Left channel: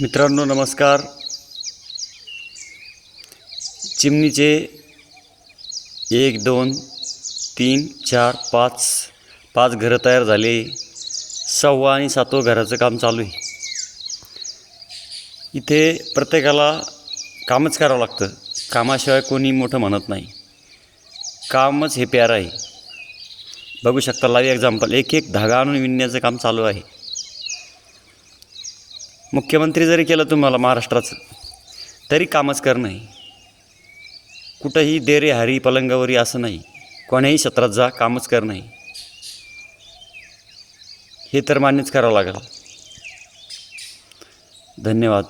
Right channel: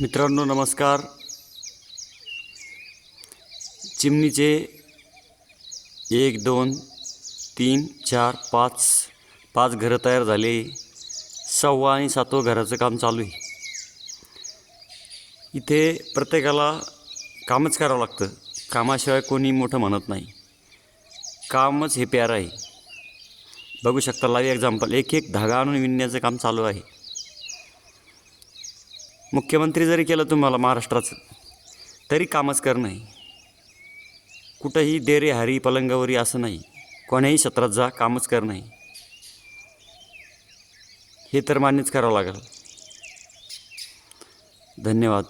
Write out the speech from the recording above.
मित्रांनो नमस्कार. चिमणीचे एक दोन तीन चार पाच पाच घरं तयार झाले. सहावा आणि सातवं घराचं काम चालू आहे. इथे प्रत्येकाला कामच करावं लागतं. कामाशिवाय कोणी मोठं म्हणत नाही. कामच हे प्यार आहे. बघू शकता लाईव्ह एक्झाम्पल एक एक धागा आणून विणण्याचं काम चालू आहे. मुख्यमंत्री जरी केलं तुम्हाला महाराष्ट्राचं तरी कामच करणं आहे कुठंही देरे हरी पलंगावरी असं नाही. कोण्याही क्षेत्रात जा कामच करणं आहे हे तर मान्यच करावं लागेल. धन्यवाद.